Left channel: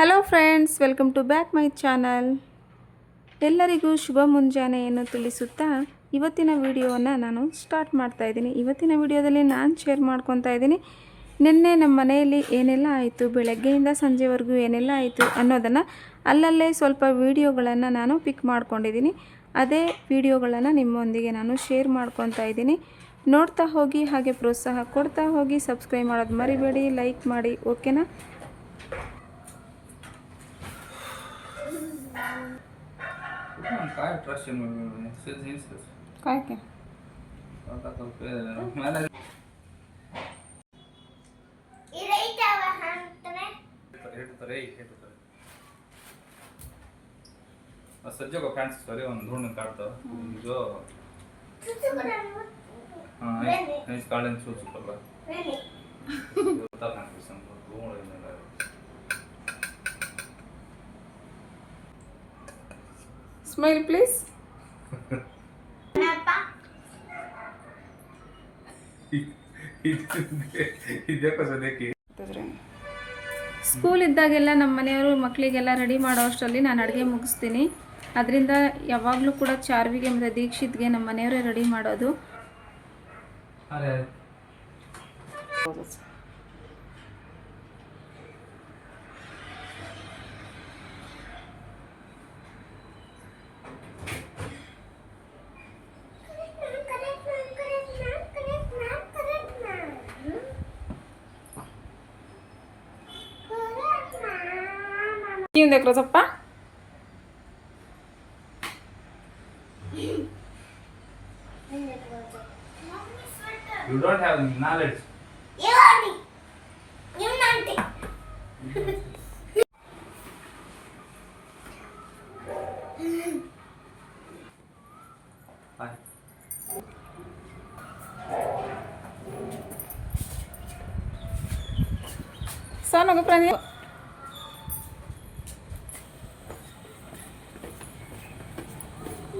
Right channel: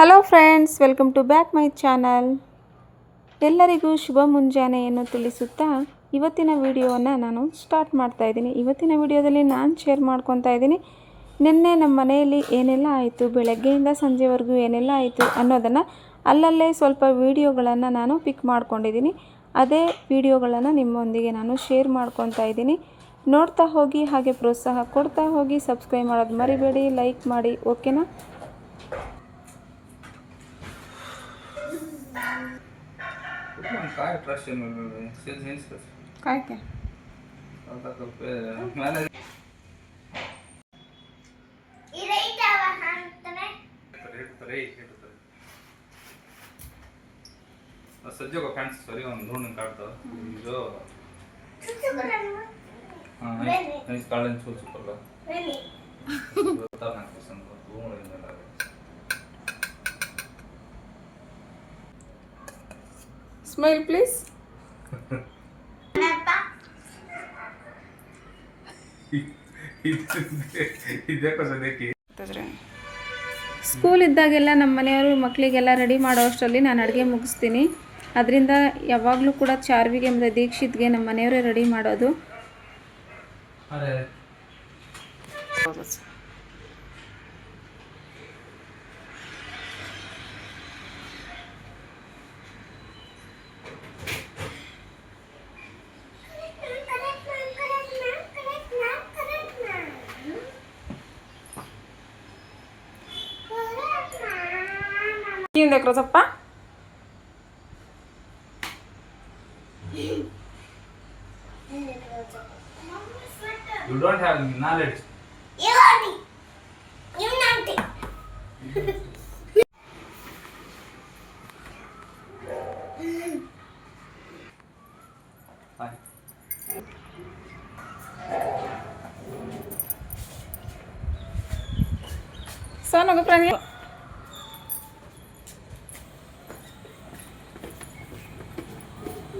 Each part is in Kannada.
Hello friends, welcome to back my channel. ಎಲ್ಲರಿಗೂ ಶುಭ ಮುಂಜಾನೆಯನ್ನು ತಿಳಿಸುತ್ತಾ ಇವತ್ತಿನ ವಿಡಿಯೋವನ್ನು ನಾನು ಸ್ಟಾರ್ಟ್ ಮಾಡ್ತಾ ಇದ್ದೀನಿ. ಇವತ್ತಿನ ವಿಡಿಯೋದಲ್ಲಿ ನಾನು ಶೇರ್ ಮಾಡ್ಕೊತಾ ಇದ್ದೀನಿ ನಿನ್ನೆ ನಮ್ಮ ಮನೆಯಲ್ಲಿ ಏನೆಲ್ಲ ಆಯಿತು, ಬೆಳಗ್ಗೆಯಿಂದ ಸಂಜೆವರೆಗೂ ಏನೆಲ್ಲ ಆಯಿತು ಅನ್ನೋದನ್ನು ಅಲ್ಲಲ್ಲೇ ಸ್ವಲ್ಪ ವಿಡಿಯೋಗಳನ್ನು ನಾನು ಪಿಕ್ ಮಾಡ್ಕೊಂಡಿದ್ದೀನಿ. ಅದೇ ವಿಡಿಯೋಗಳನ್ನು ನಿಮ್ಮೊಂದಿಗೆ ನಾನು ಶೇರ್ ಮಾಡ್ಕೊತಾ ಇದ್ದೀನಿ. ನೋಡ್ತಾ ಹೋಗಿ, ಹಾಗೆ ಪ್ರೋತ್ಸಾಹ ಕೊಡ್ತಾ ಹೋಗಿ. ಸಬ್ಸ್ಕ್ರೈಬ್ ಮಾಡೋದು ಮರಿಬೇಡಿ, ಲೈಕ್ ಮಾಡಿ, ಓಕೆನಾ? काय ट्रस्ट सेल्स हेल्स काय क्या आता करते मला इरेटा वहांतने रेट सज्जो का फ्रेंड्स सरी ಒಂದು ಧೂರ್ಣ ಕಾಡ್ತ ಇದು ಇಸ್ ಕಾಳನ್ ಸೂಚುಪಲ್ಲ ರೆಲಿ ಗೊತ್ತಾಗ ನನಗೆ ಸಂತ ಧೂರ್ಣ ಇಲ್ಲ. Smile please. ಸ್ಕೂಲ್ ಇದ್ದಾಗೆಲ್ಲ ನಮ್ಮ ಮನೆಯವರು ಮಕ್ಕಳಿಗೆಲ್ಲ ರೆಡಿ ಮಾಡೋ ಅಷ್ಟರಲ್ಲಿ ನಾನು ಅಡುಗೆ ಮುಗಿಸ್ತೀನಿ. ಅದರಿಂದ ಯಾವಾಗಲೂ ಕೂಡ ಚಾರ್ವಿಗೆ ಮತ್ತು ದೀಕ್ಷಿತ್ಗೆ ನಮ್ಮ ಮನೆಯವರೇ ರೆಡಿ ಮಾಡೋದು. ಏನು ದೇಖ್ರೋ ಸಪ್ಪ? You don't have knowledge. You nanti Bye. Sana ko prani.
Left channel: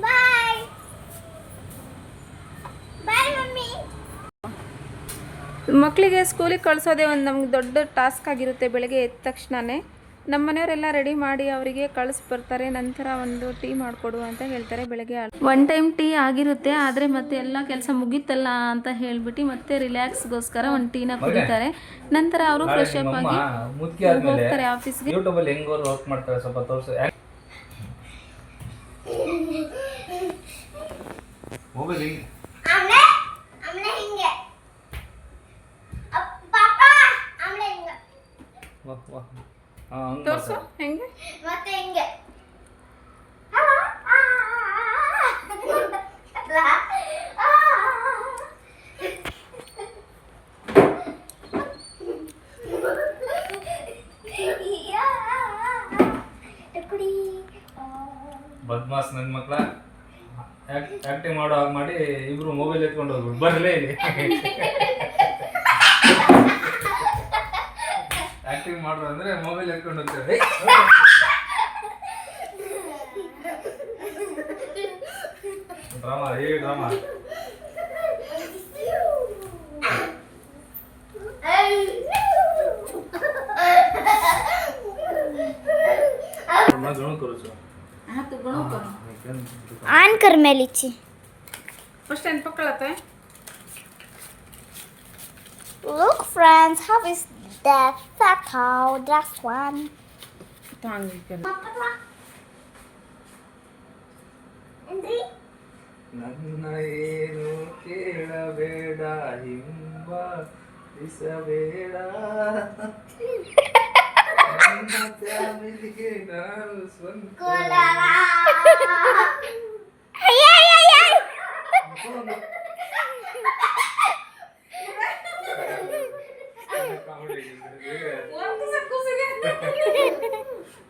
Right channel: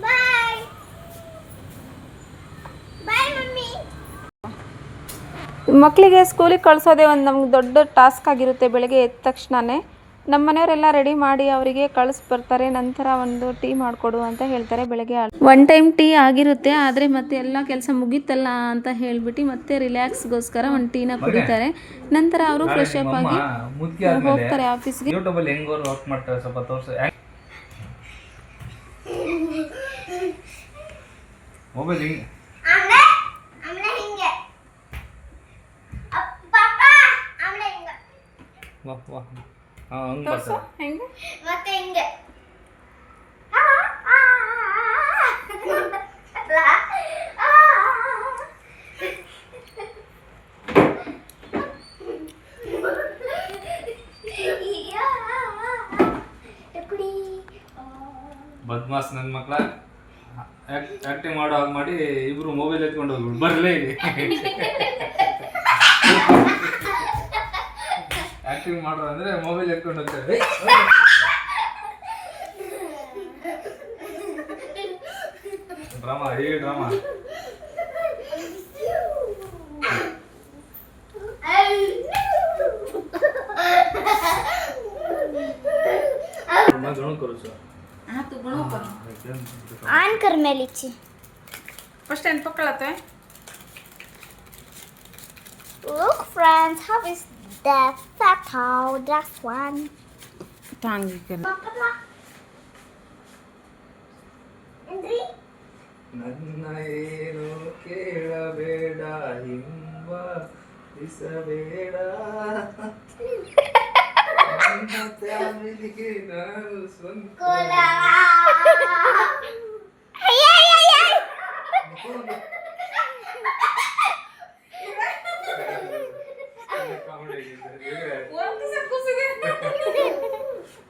bye bye mummy. ಮಕ್ಕಳಿಗೆ ಸ್ಕೂಲಿಗೆ ಕಳಿಸೋದೇ ಒಂದು ನಮ್ಗೆ ದೊಡ್ಡ ಟಾಸ್ಕ್ ಆಗಿರುತ್ತೆ. ಬೆಳಗ್ಗೆ ಎದ್ದ ತಕ್ಷಣವೇ ನಮ್ಮ ಮನೆಯವರೆಲ್ಲ ರೆಡಿ ಮಾಡಿ ಅವರಿಗೆ ಕಳಿಸ್ಬರ್ತಾರೆ. ನಂತರ ಒಂದು ಟೀ ಮಾಡಿಕೊಡು ಅಂತ ಹೇಳ್ತಾರೆ. ಬೆಳಗ್ಗೆ ಒನ್ ಟೈಮ್ ಟೀ ಆಗಿರುತ್ತೆ, ಆದರೆ ಮತ್ತೆ ಎಲ್ಲ ಕೆಲಸ ಮುಗೀತಲ್ಲ ಅಂತ ಹೇಳಿಬಿಟ್ಟು ಮತ್ತೆ ರಿಲ್ಯಾಕ್ಸ್ಗೋಸ್ಕರ ಒಂದು ಟೀನ ಕುಡಿತಾರೆ. ನಂತರ ಅವರು ಫ್ರೆಶ್ ಅಪ್ ಆಗಿ ಹೋಗ್ತಾರೆ ಆಫೀಸ್ಗೆ. ಯೂಟ್ಯೂಬ್ ಅಲ್ಲಿ ಹೆಂಗ್ ಅವರು ವರ್ಕ್ ಮಾಡ್ತಾರೆ ಸ್ವಲ್ಪ ತೋರಿಸು. ಮೊಬೈಲ್ ಆಮ್ಲೆ ಹಿಂಗೆ ಪಾಪ ಆಮ್ಲೆ ಹಿಂಗೆ ವಾಹ್ ವಾಹ್ ತೋರಿಸು ಹೆಂಗೆ ಮತ್ತೆ ಹಿಂಗೆ ಬದ್ಮಾಸ್ ನನ್ನ ಮಕ್ಕಳ ಆಕ್ಟಿಂಗ್ ಮಾಡೋ ಹಾಗೆ ಮಾಡಿ ಇಬ್ರು ಮೊಬೈಲ್ ಎತ್ಕೊಂಡು ಹೋಗ್ಬಿಡು. ಬರ್ಲೇ ಇಲ್ಲಿ ಆಕ್ಟಿಂಗ್ ಮಾಡ್ರು ಅಂದ್ರೆ ಮೊಬೈಲ್ ಎತ್ಕೊಂಡು ಹೋಗ್ತಾರೆ. ಡ್ರಾಮಾ ಡ್ರಾಮಾ करो सर. हाँ तू गुणों करो. ऑन कर मैं लीची फर्स्ट एंड पकड़ते हैं. Look friends, how is that fat cow? That one. टांग के. Indri. ನನ್ನ ಏನು ಕೇಳಬೇಡ, ಹಿಂಬ ಇಸಬೇಡ, ನನ್ನ ಫ್ಯಾಮಿಲಿಗೆ ನಾನು ಸ್ವಂತ. Kola. Ay ay ay ay.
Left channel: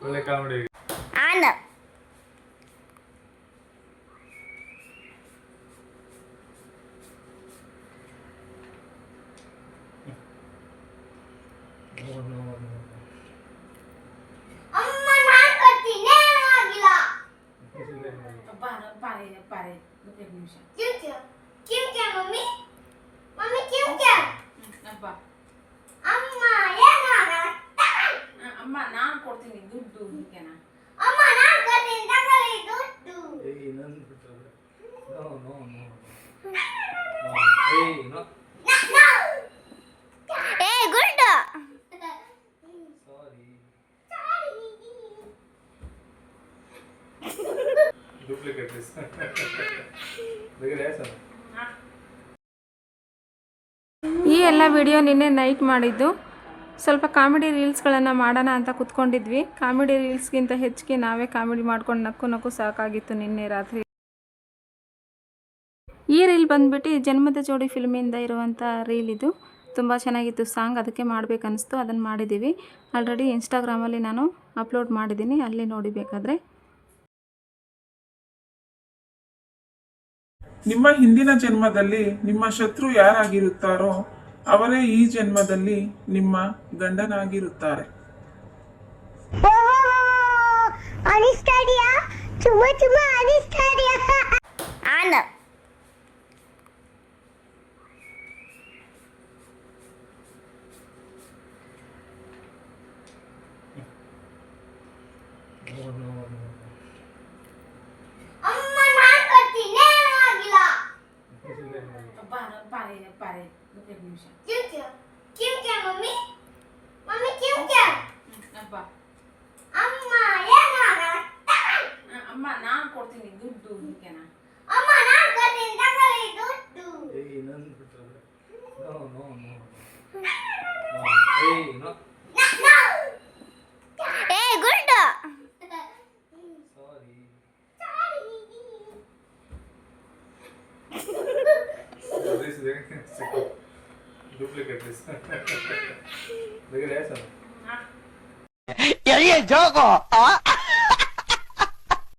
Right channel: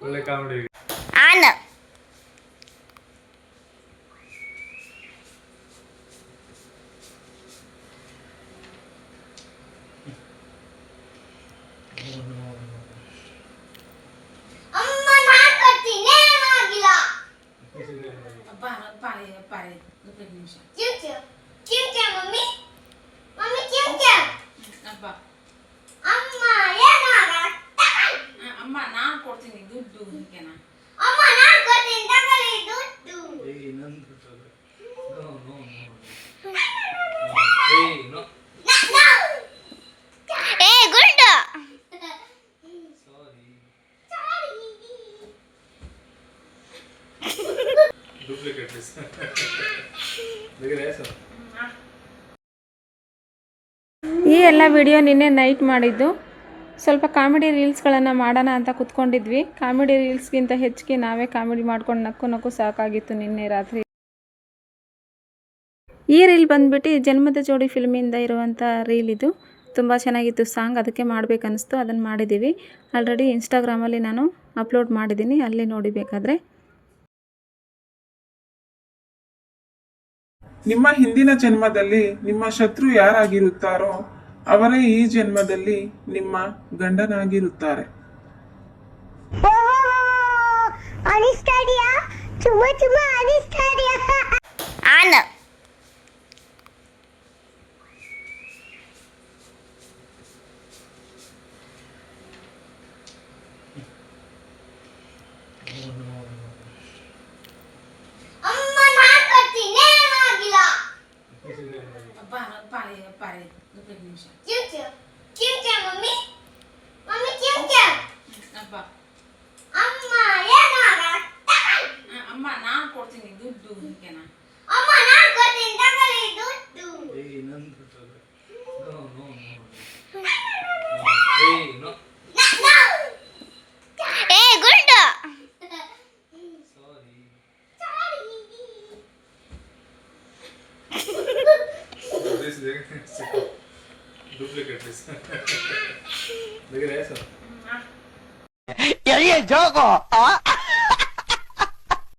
ಒಳ್ಳೆ ಕಾಮಿಡಿ. Anna. ಅಮ್ಮ ನಾನು ಕೊಡ್ತೀನಿ ಆಗಿಲ್ಲ. पारे एक निमिष. ಚಿಂಚೆ ಮಮ್ಮಿ ಮಮ್ಮಿ ಚಿಂಚೆ ಅಪ್ಪ ಅಮ್ಮ ಏನಾಗ ಅಮ್ಮ ನಾನು ಕೊಡ್ತೀನಿ ದುಡ್ಡು ಹೀಗೆನಾ ಅಮ್ಮ ನಾನು ಕೊಡ್ತೀನಿ ತಗೊಳ್ಳಿ ದುಡ್ಡು. ಏಯ್ ನಂದು ನೋ ನೋ ನೋ ಏಯ್ ನೋ ಏ ಗುಡ್. ಸಾರಿ ಡೂಪ್ಲಿಕೇಟ್ ಪೀಸ್ ಬೇಗ ಸರ್. ಈ ಎಲ್ಲ ವಿಡಿಯೋ ನಿನ್ನೆ ನೈಟ್ ಮಾಡಿದ್ದು. ಸ್ವಲ್ಪ ಕಾಮಿಡಿ ರೀಲ್ಸ್ಗಳನ್ನು ಮಾಡೋಣ ಅಂತ ಕೂತ್ಕೊಂಡಿದ್ವಿ. ಕಾಮಿಡಿ ರೀಲ್ಸ್ಗಿಂತ ಹೆಚ್ಚಿಗೆ ನಾವೇ ಕಾಮಿಡಿ ಮಾಡ್ಕೊಂಡು ನಕ್ಕು ನಕ್ಕು ಸಾಕಾಗಿತ್ತು ನಿನ್ನೆ ರಾತ್ರಿ. ಈ ರೀಲ್ ಬಂದುಬಿಟ್ಟು ಜನ್ಮದ ಜೋಡಿ ಫಿಲ್ಮಿಂದ ಇರುವಂಥ ರೀಲ್ ಇದು. ತುಂಬ ಚೆನ್ನಾಗಿತ್ತು ಸಾಂಗ್, ಅದಕ್ಕೆ ಮಾಡಬೇಕನ್ನಿಸ್ತು, ಅದನ್ನು ಮಾಡಿದ್ದೀವಿ. ಆಲ್ರೆಡಿ ಇನ್ಸ್ಟಾಗ್ರಾಮಲ್ಲಿ ನಾನು ಅಪ್ಲೋಡ್ ಮಾಡಿದ್ದೀನಿ, ಅಲ್ಲಿ ನೋಡಿ ಬೇಕಾದರೆ. ನಿಮ್ಮ ಹಿಂದಿನ ಜನ್ಮದಲ್ಲಿ ನಿಮ್ಮ ಶತ್ರು ಯಾರಾಗಿರುತ್ತಾರೋ ಅವರೇ ಈ ಜನ್ಮದಲ್ಲಿ ನಿಮ್ಮ ಗಂಡನಾಗಿರುತ್ತಾರೆ. ಅನಿಸ್ತಾಡಿಯಾ ತುಂಬಾ ಅನಿಸ್ತಾಡಿಯಾ ಆನ ಅಮ್ಮ ನಾನು ಕೊಡ್ತೀನಿ ಆಗಿಲ್ಲ. ಕಿಂಚ ಮಮ್ಮಿ ಮಮ್ಮಿ ಕಿಂಚ ಅಮ್ಮ ಏನಾಗಲ್ಲ. ಅಮ್ಮ ನಾನು ಕೊಡ್ತೀನಿ ದುಡ್ಡು ಹೀಗೆನಾ ಅಮ್ಮ ನಾನು ಕೊಡ್ತೀನಿ ತಗೊಳ್ಳಿ ದುಡ್ಡು. ಏಯ್ ನಂದು ನೋ ನೋ ನೋ ಏಯ್ ನೋ ಏ ಗುಡ್. ಸಾರಿ ಡೂಪ್ಲಿಕೇಟ್ ಪೀಸ್ ಬೇಗ ಸರ್. Yo, joco.